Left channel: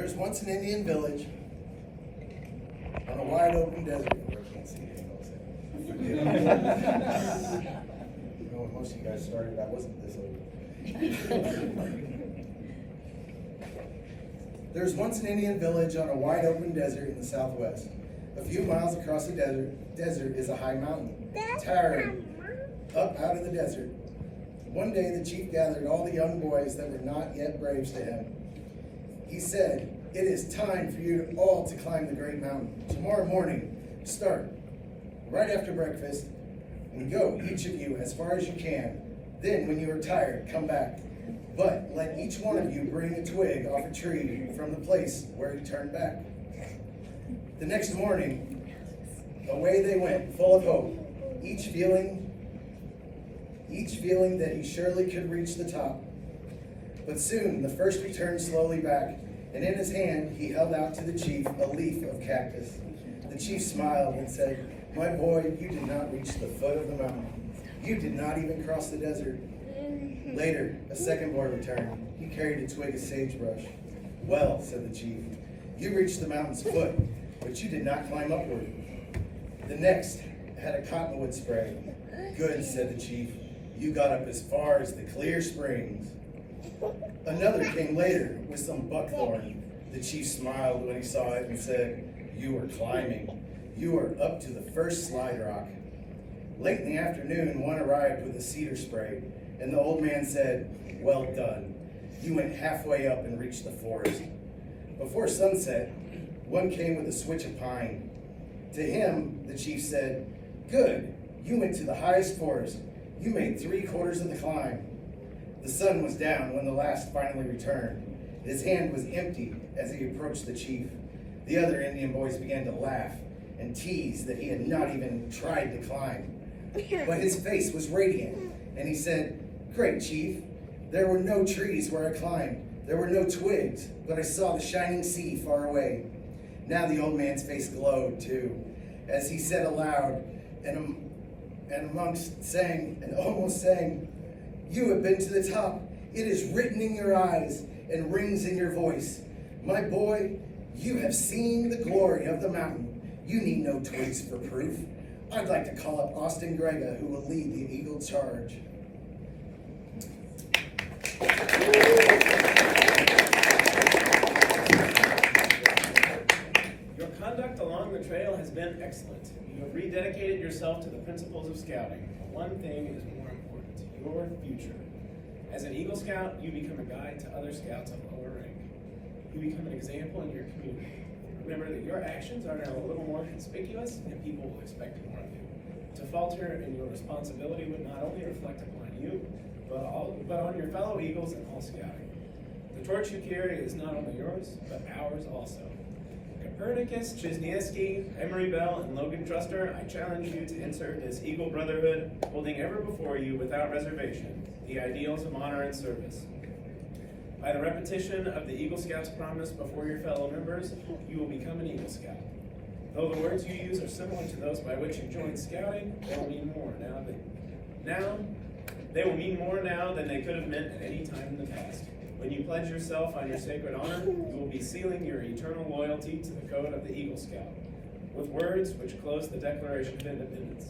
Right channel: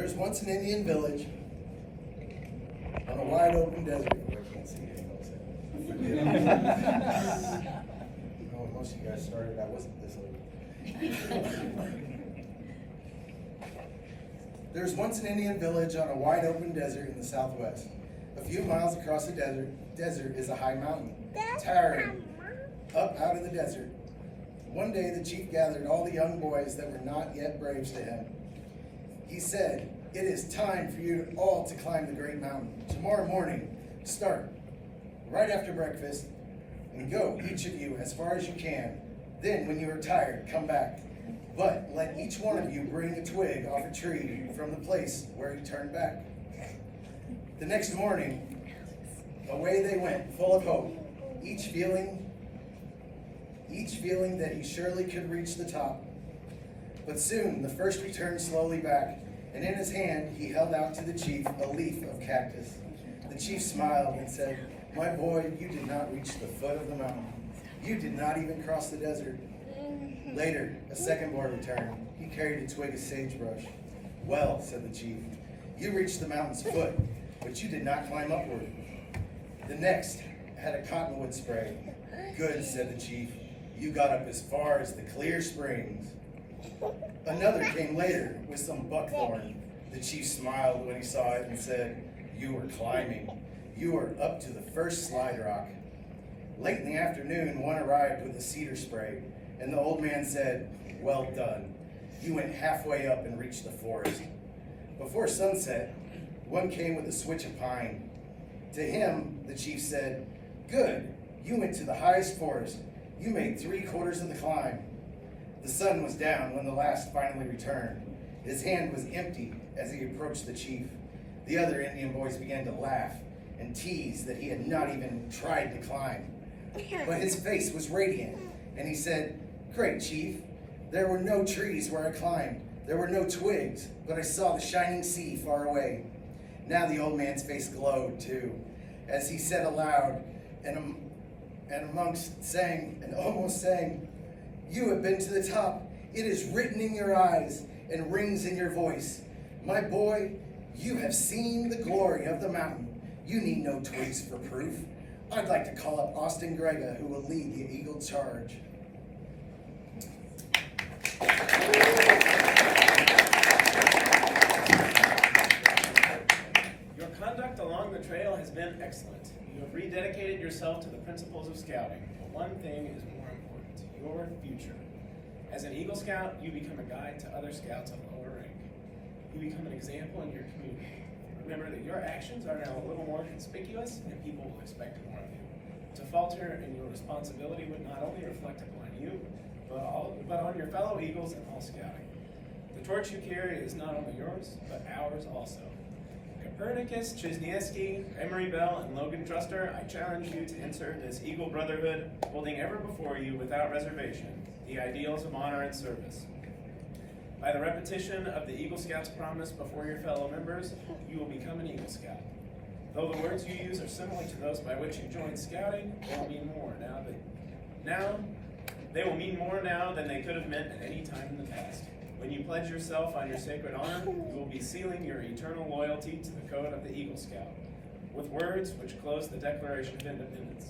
There was once an Indian village on a wide open desert. I can't see it. Most of you guys started, that wasn't this open. There was once an Indian village on a wide open desert in the southwest. A few miles across the desert is a high mountain, towering up out of the desert. One day the chief gathered all the young boys that were not yet braves to him. He said, "It is time for you all to climb the great mountain. Tomorrow morning, start right after breakfast and go, each of you, as far as you can. Then, when you are tired, come back. But let each one of you bring a twig off a tree from the place where he turned back." The next morning, away they went, full of hope, each feeling that he surely could reach the top. But soon the first returned slowly back, and in his hand he held out to the chief a leaf of cactus. The chief smiled and said, "My boy, you did not reach the foot of the mountain. You did not even cross the desert." Later, a second boy returned. He carried a twig of sagebrush. "Well," said the chief, "you reached the mountain's foot, but you did not climb upward." The next had a cottonwood spray. "Good," said the chief, "you got up as far as the clear springs." Another came later with some buckthorn. The chief smiled when he saw it and said, "You were climbing. You were up to the first slide rock." Late in the afternoon, one arrived with a cedar spray, and the old man said, "Well done. You went halfway up and reached the forest." Before sunset, one came with a switch of pine. To him, the chief said, "Good. You went to the highest forest. You made 3/4 of the climb." The sun was down when the last finally returned. His hand was empty as he approached the chief. The other Indian boys began to laugh and tease that he had not even tried to climb. But his face was radiant, and he said, "Great chief, there were no trees where I climbed. There were no twigs, but I saw the shining sea far away." Now the old man's face glowed too, as he said aloud, and almost sang, "You have been to the top. It is written in your eyes and rings in your voice. My boy, you have seen the glory of the mountain. You need no twigs for proof. I'd like to call up Austin Grega, who will lead the Eagle Charge." Your conduct along the trail has been excellent. You have rededicated yourself to the principles of scouting. But one thing is more important: your future. As an Eagle Scout, you become a guide to other scouts of lower rank. You become an example in your community. Remember that your actions are now a little more conspicuous, and people will expect more of you. To falter in your responsibility would not only reflect upon you, but on your fellow Eagles and all scouting. The torch you carry is not only yours, but ours also. Copernicus, Chesniewski, Emory Bell, and Logan Truster, I challenge you to insert this Eagle Brotherhood, holding ever before you, without reservation, the ideals of honor and service. By the repetition of the Eagle Scouts' promise before your fellow members, you will become an Eagle Scout. Though the words you use are similar to those by which you joined scouting, they will mean more now than they could have meant at any time in the past. When you pledge yourself on your sacred honor, you will be sealing your eternal loyalty to the code of the Eagle Scout, with words which close the Declaration of Independence.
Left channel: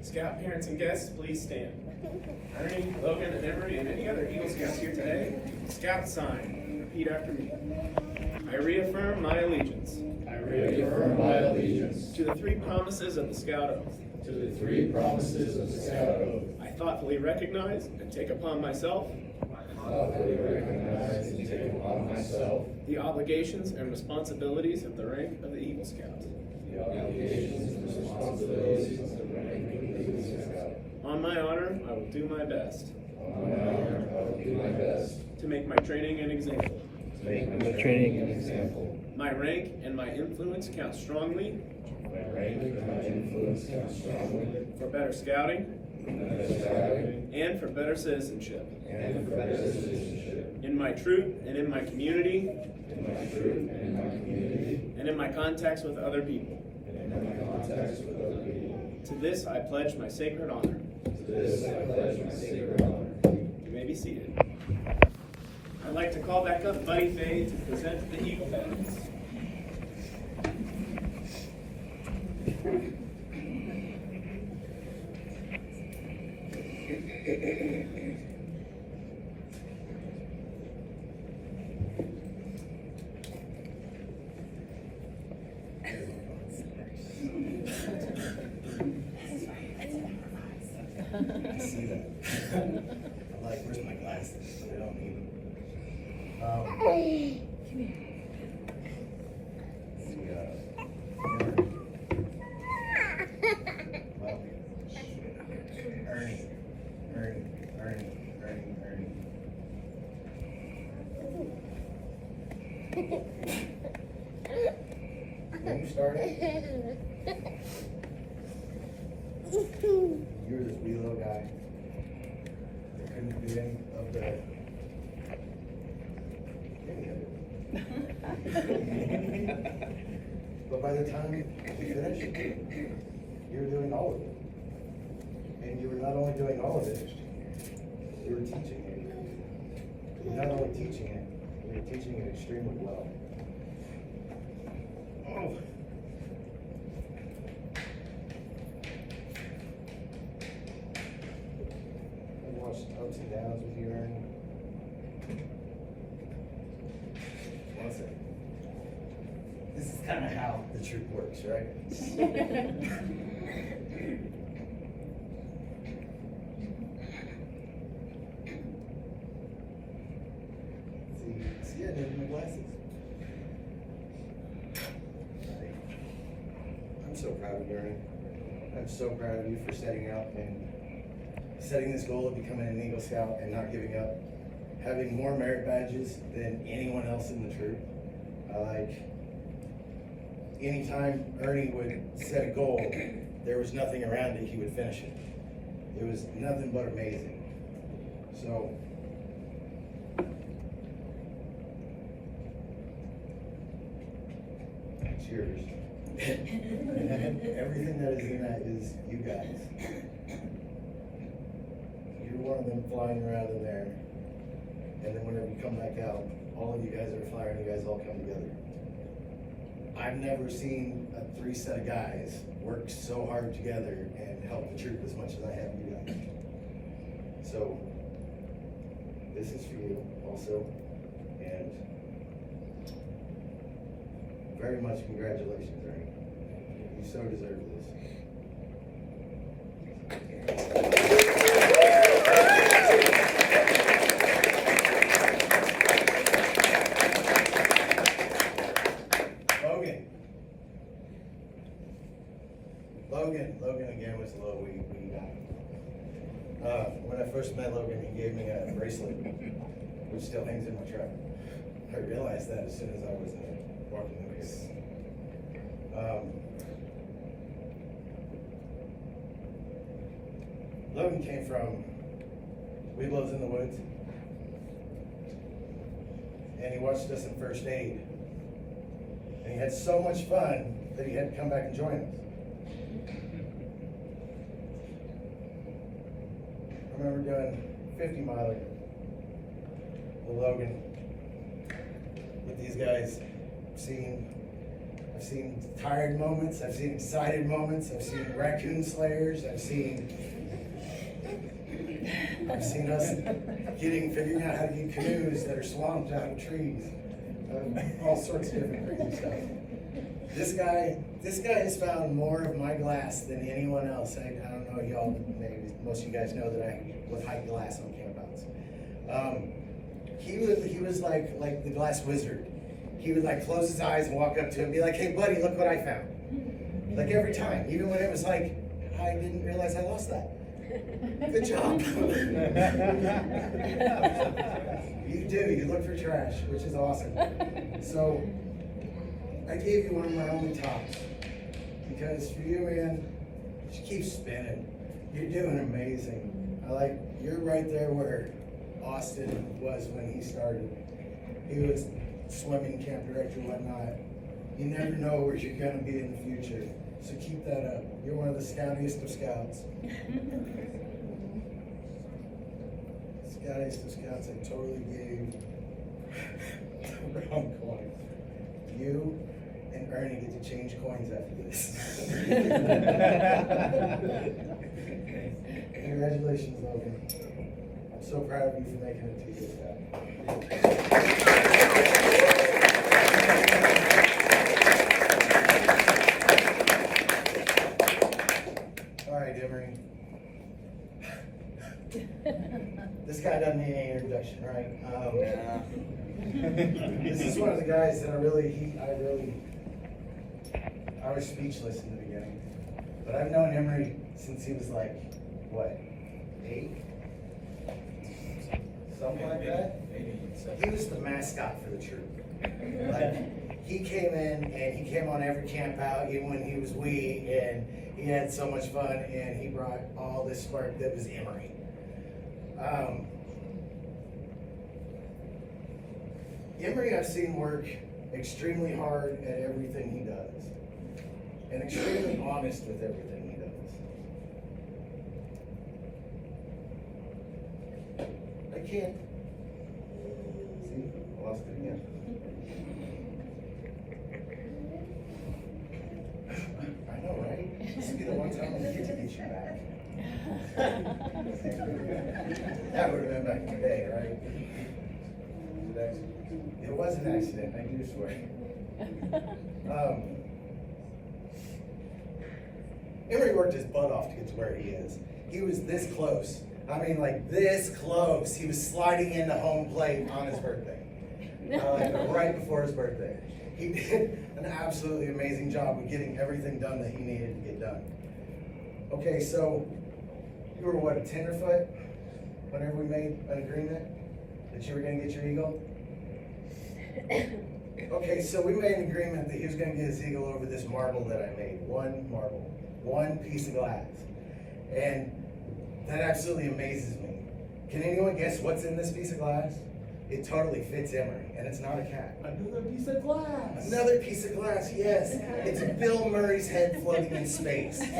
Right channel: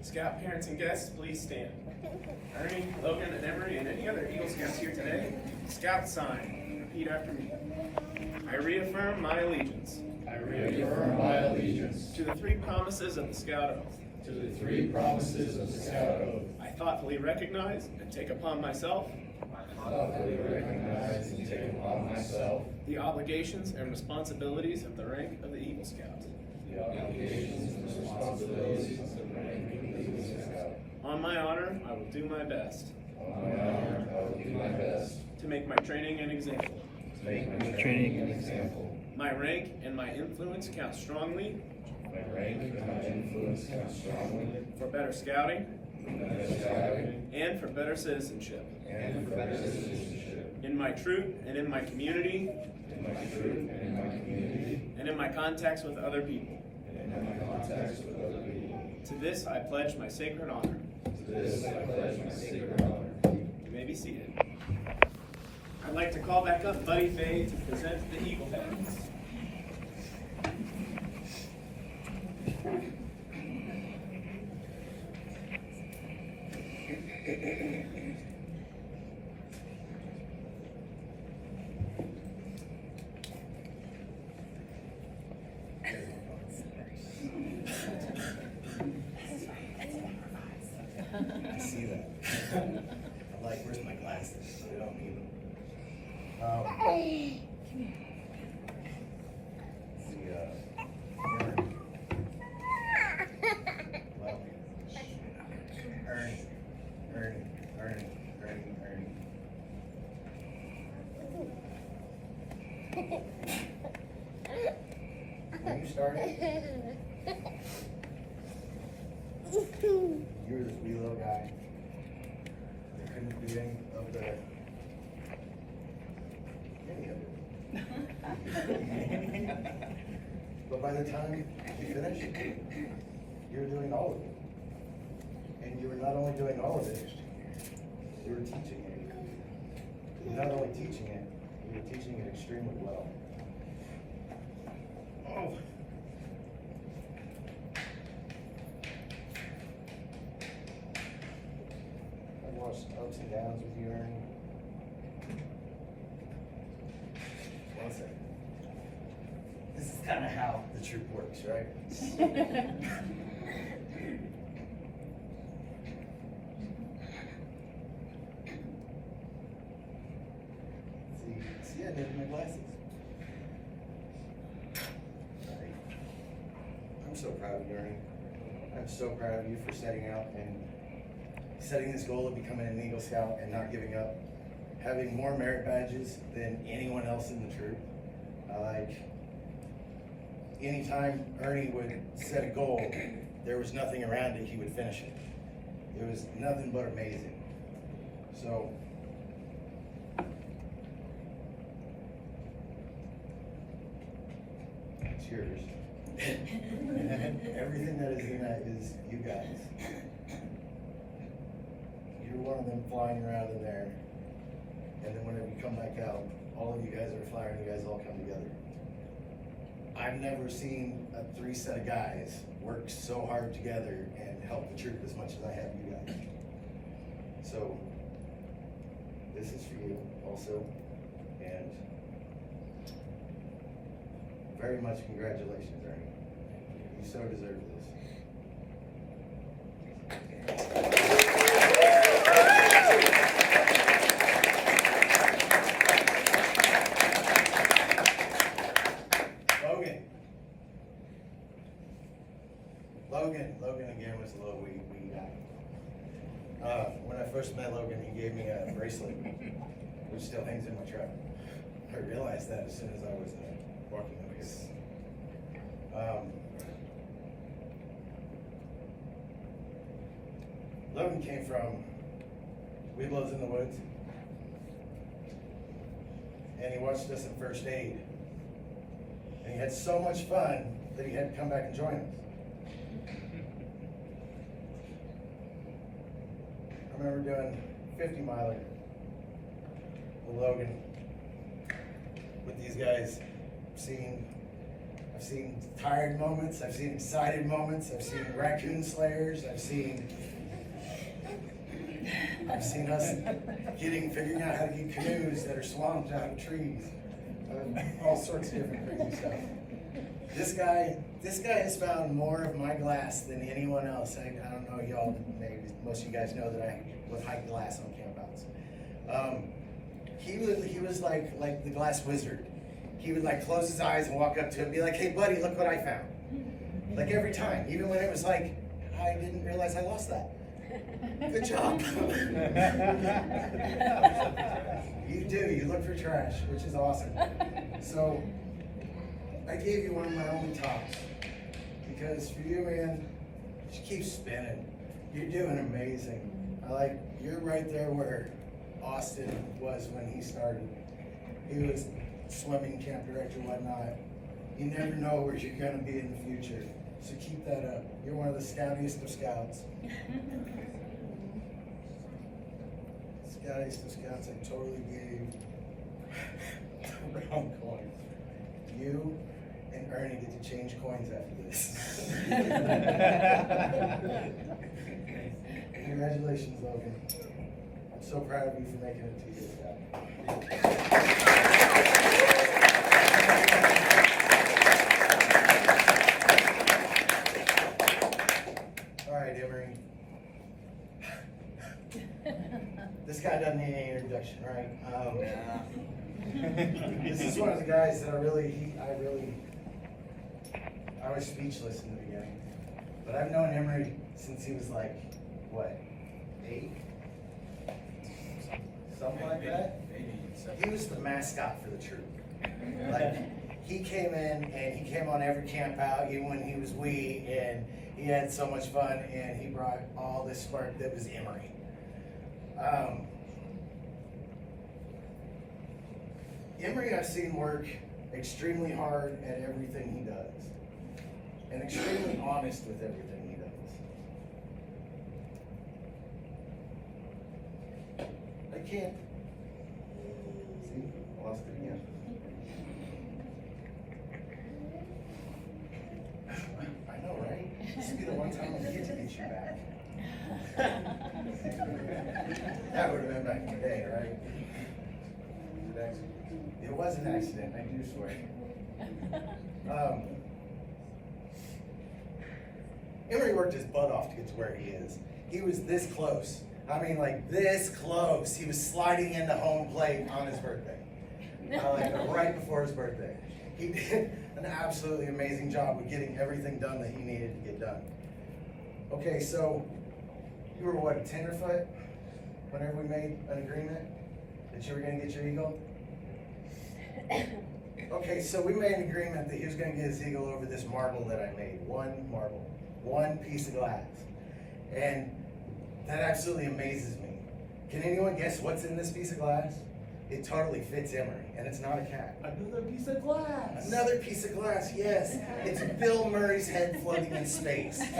Scout parents and guests, please stand. Ernie, Logan, and Emory, and any other Eagle Scouts here today, Scout sign. Repeat after me. I reaffirm my allegiance. I reaffirm my allegiance to the three promises of the Scout Oath. to the three promises of the Scout Oath. I thoughtfully recognize and take upon myself the obligations and responsibilities of the rank of the Eagle Scout. On my honor, I will do my best. To make my training an example. My rank and my influence count strongly. For better scouting. And for better citizenship. In my troop and in my community. And in my contacts with other people. To this I pledge my sacred honor. You may be seated. I like to call back up Buddy Faye to present the Eagle Badges. I see that. I'm like, where's my glasses? I don't need them. When you started, you were this wee little guy that couldn't do any of it. But by the time you finished, you were doing all of it. And you were not only doing all of it, you were teaching it. You're not only teaching it, you were teaching it extremely well. Oh. I've watched ups and downs with you, Aaron. Listen, this is kind of how the troop works, right? See, I didn't have my glasses. I'm so proud of you, Aaron. I'm so proud of you for setting out and setting this goal of becoming an Eagle Scout and not giving up. Having more merit badges than anyone else in the troop. Anytime Ernie would set a goal, there was nothing around it, he would finish it. It was nothing but amazing. So, it's yours. Everything that is in that is you guys. You're one of them flying around in there. And then whenever you come back out, all of you guys are flying, you guys all come together. I've never seen a 3 set of guys work so hard together and help the troop as much as I have you guys. So, this is for you also. And very much congratulations, Ernie. You so deserve this. Logan again was a little wee guy. When I first met Logan, he gave me a bracelet, which still hangs in my truck. I realized that as soon as I was walking the base. Logan came from Weeblos in the Woods, and he watched us at first aid. And he had so much fun that he had to come back and join us. I remember doing 50 miler with Logan with these guys. I've seen tired moments, I've seen excited moments, I've seen raccoon slayers, I've seen us figuring out how to get canoes that are swamped out of trees, all sorts of different crazy stuff. This guy has found more of my glass than anyone else. I don't know, y'all, maybe most of you guys know that I was hiding glass on campouts. He was like the glass wizard. He would like close his eyes and walk up to it and be like, "Hey buddy, look what I found." Like every time, even when it was like, I didn't realize I lost that. Good job. You look for trash, which is awesome. So I gave you one of my only tops because for you, man, just keep spinning. You're doing amazing. You're right there where Austin was when he started. He was swimming camp director and whatnot. You never know where you're going to be in the future. So keep that up. You're one of the scoutiest of scouts. Scoutiest of scouts. I totally gave wrong coin. You and Ernie get to change coins after this. Congratulations, Logan. I'm so proud of you for making it to this guy. All right, Emory. This guy doesn't need any introduction, right? This is one of the guys that I was speechless in the beginning. But I've known Emory since he was like, what, 8? Something like that? He was the mascot for the troop. Like, he came in and he came on every camp out, even when he was wee, and he had so much fun, and he brought all this spark that was Emory. Emory, I've seen work extremely hard at everything he does, and extremely honest with everything he does. I can't. See, I lost it again. I know, right? This will be the one time I get to get you back. That would have been back in the day, right? It was an accident, I do swear. Emory worked his butt off to get to where he is. He was this close. I mean, like this close. He was sliding into home plate on his birthday. Right before his birthday. He did an absolutely amazing job of getting everything done that he needed to get done. Okay, so you were what, a tenderfoot whenever we made an agreement that you were going to get your eagle? Okay, so we made an agreement that he was going to get his eagle over this marble that I made. One marble, one piece of glass. And that absolutely amazes me. Can anyone guess what's in this piece of glass? It totally fits Emory, and it's not a cat. Another piece of glass. Another piece of glass, yes. It's Bill Murray's head floating in space. If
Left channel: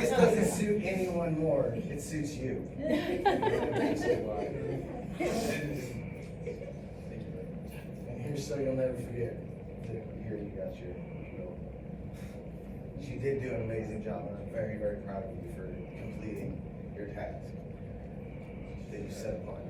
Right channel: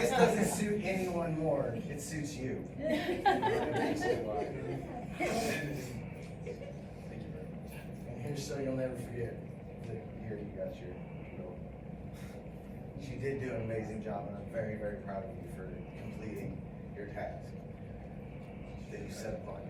this doesn't suit anyone more, it suits you. And here's so you'll never forget that here you got your eagle. You did do an amazing job, and I'm very, very proud of you for completing your task that you set upon yourself.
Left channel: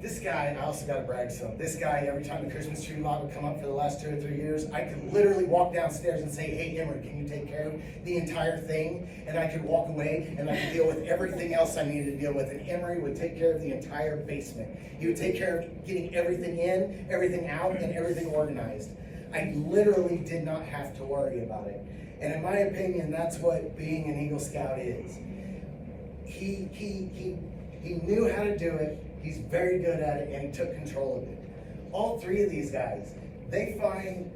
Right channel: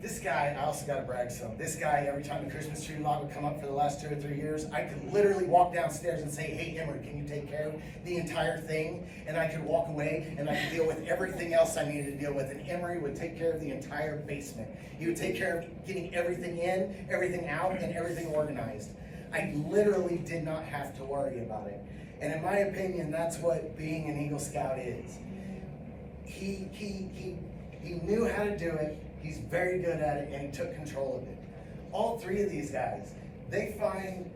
This guy, I also got to brag some. This guy, every time the Christmas tree lot would come up for the last 2 or 3 years, I could literally walk downstairs and say, hey, Emory, can you take care of the entire thing? And I could walk away and I could deal with everything else I needed to deal with. And Emory would take care of the entire basement. He would take care of getting everything in, everything out, and everything organized. I literally did not have to worry about it. And in my opinion, that's what being an Eagle Scout is. He knew how to do it. He's very good at it, and he took control of it. All 3 of these guys, they find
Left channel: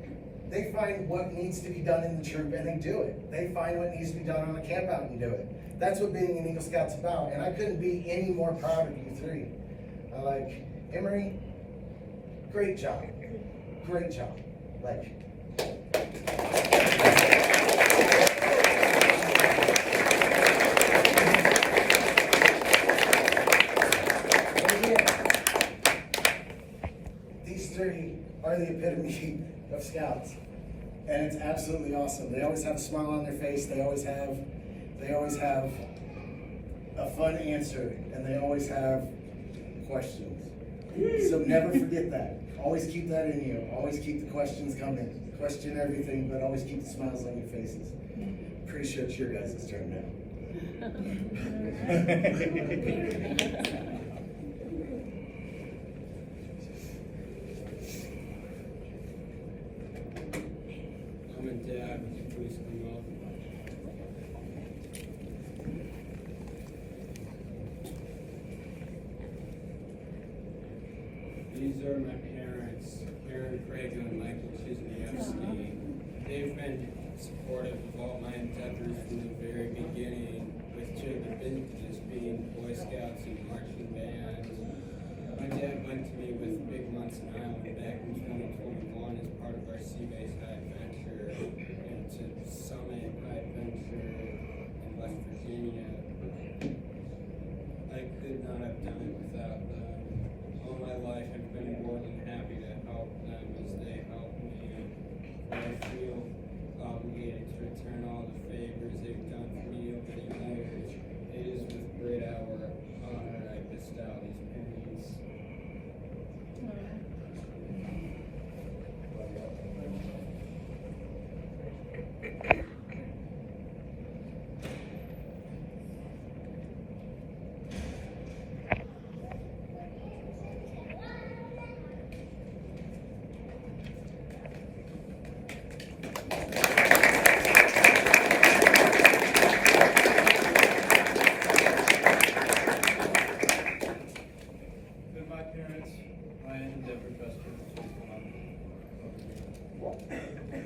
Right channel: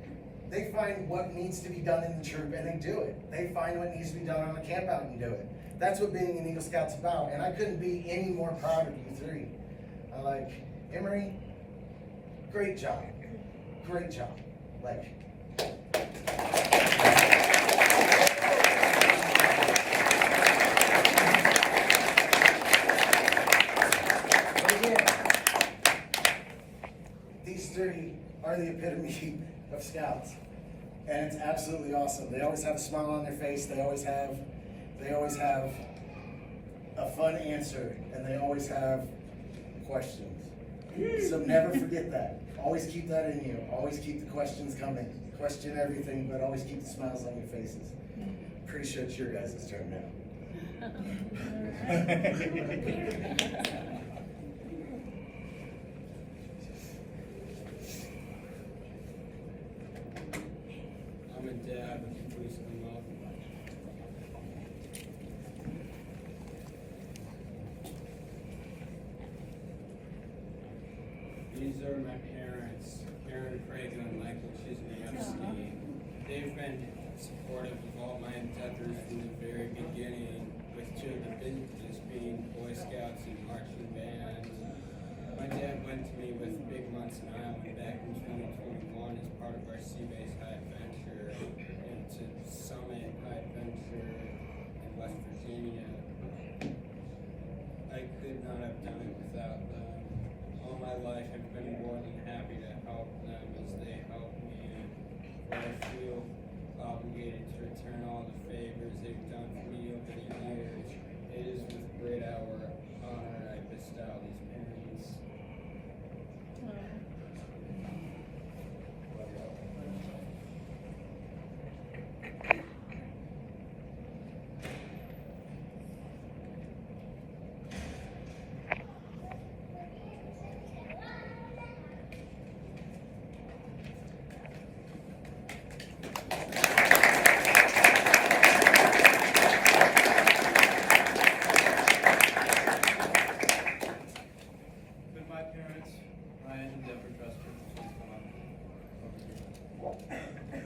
what needs to be done in the troop, and they do it. They find what needs to be done on the camp out and do it. That's what being an Eagle Scout's about, and I couldn't be any more proud of you 3. Emory, great job. Great job. These 3 are the epitome of Scouts, and it's absolutely awesome. They always have a smile on their face. They always have a fun answer, and they always have questions. So never forget that. Always keep that in you. Always keep the questions coming. Question everything, but always keep the smiles on your faces. Pretty sure it's your guys' turn now. Mom and Dad, would you please come up? These are my parents, Aaron Craig and Michael Chisney. They've been supportive of all my endeavors from the very beginning, with 2 of the vintages being Boy Scouts and marching band. My dad went to me with Big Months in Iowa back in 2021 as part of our Sea-Based High Adventure, and to Summit High Adventure in West Virginia. I could not have done it without them. All my life I've been parents, Ryan and Deborah Custer, please come up over here.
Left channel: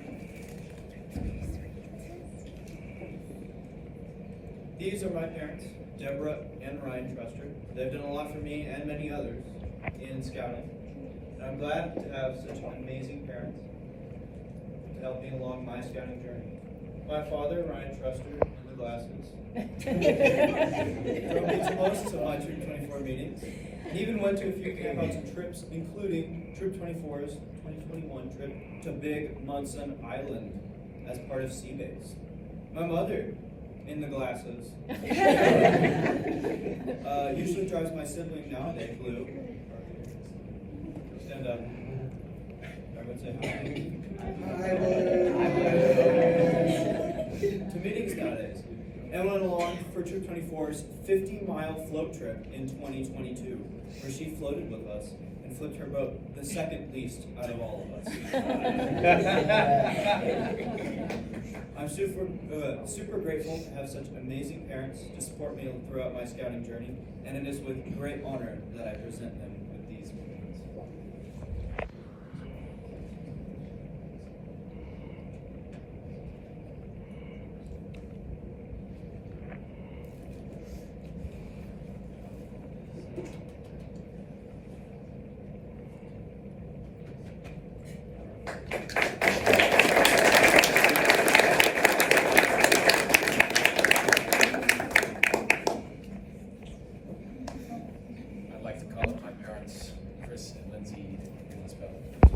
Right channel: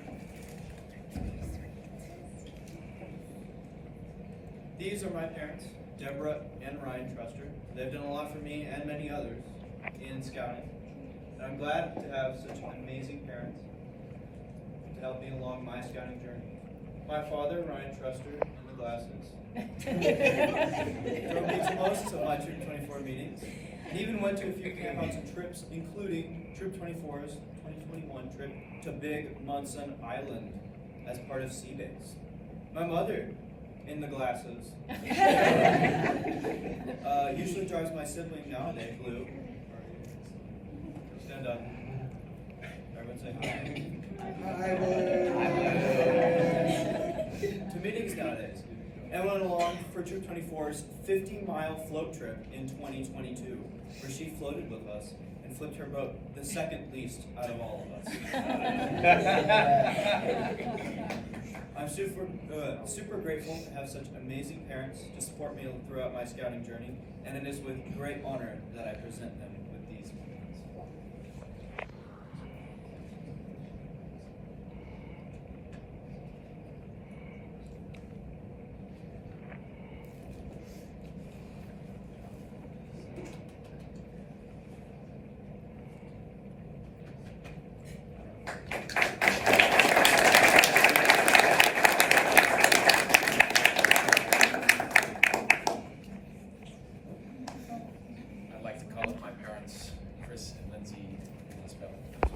These are my parents, Deborah and Ryan Truster. They've done a lot for me and many others in scouting. And I'm glad to have such amazing parents to help me along my scouting journey. My father, Ryan Truster, in the glasses, drove me to most of my Troop 24 meetings, and even went to a few campouts and trips, including Troop 24's 2021 trip to Big Munson Island as part of Sea Base. My mother, in the glasses, usually drives my sibling nowadays, Lou. Stand up. Everyone say hi. To meetings nowadays. And went along for Troop 24's 50-mile float trip in 2022, where she floated with us and flipped her boat the second least out of all of us. I'm super grateful to have such amazing parents to support me throughout my scouting journey, and it is with great honor that I present them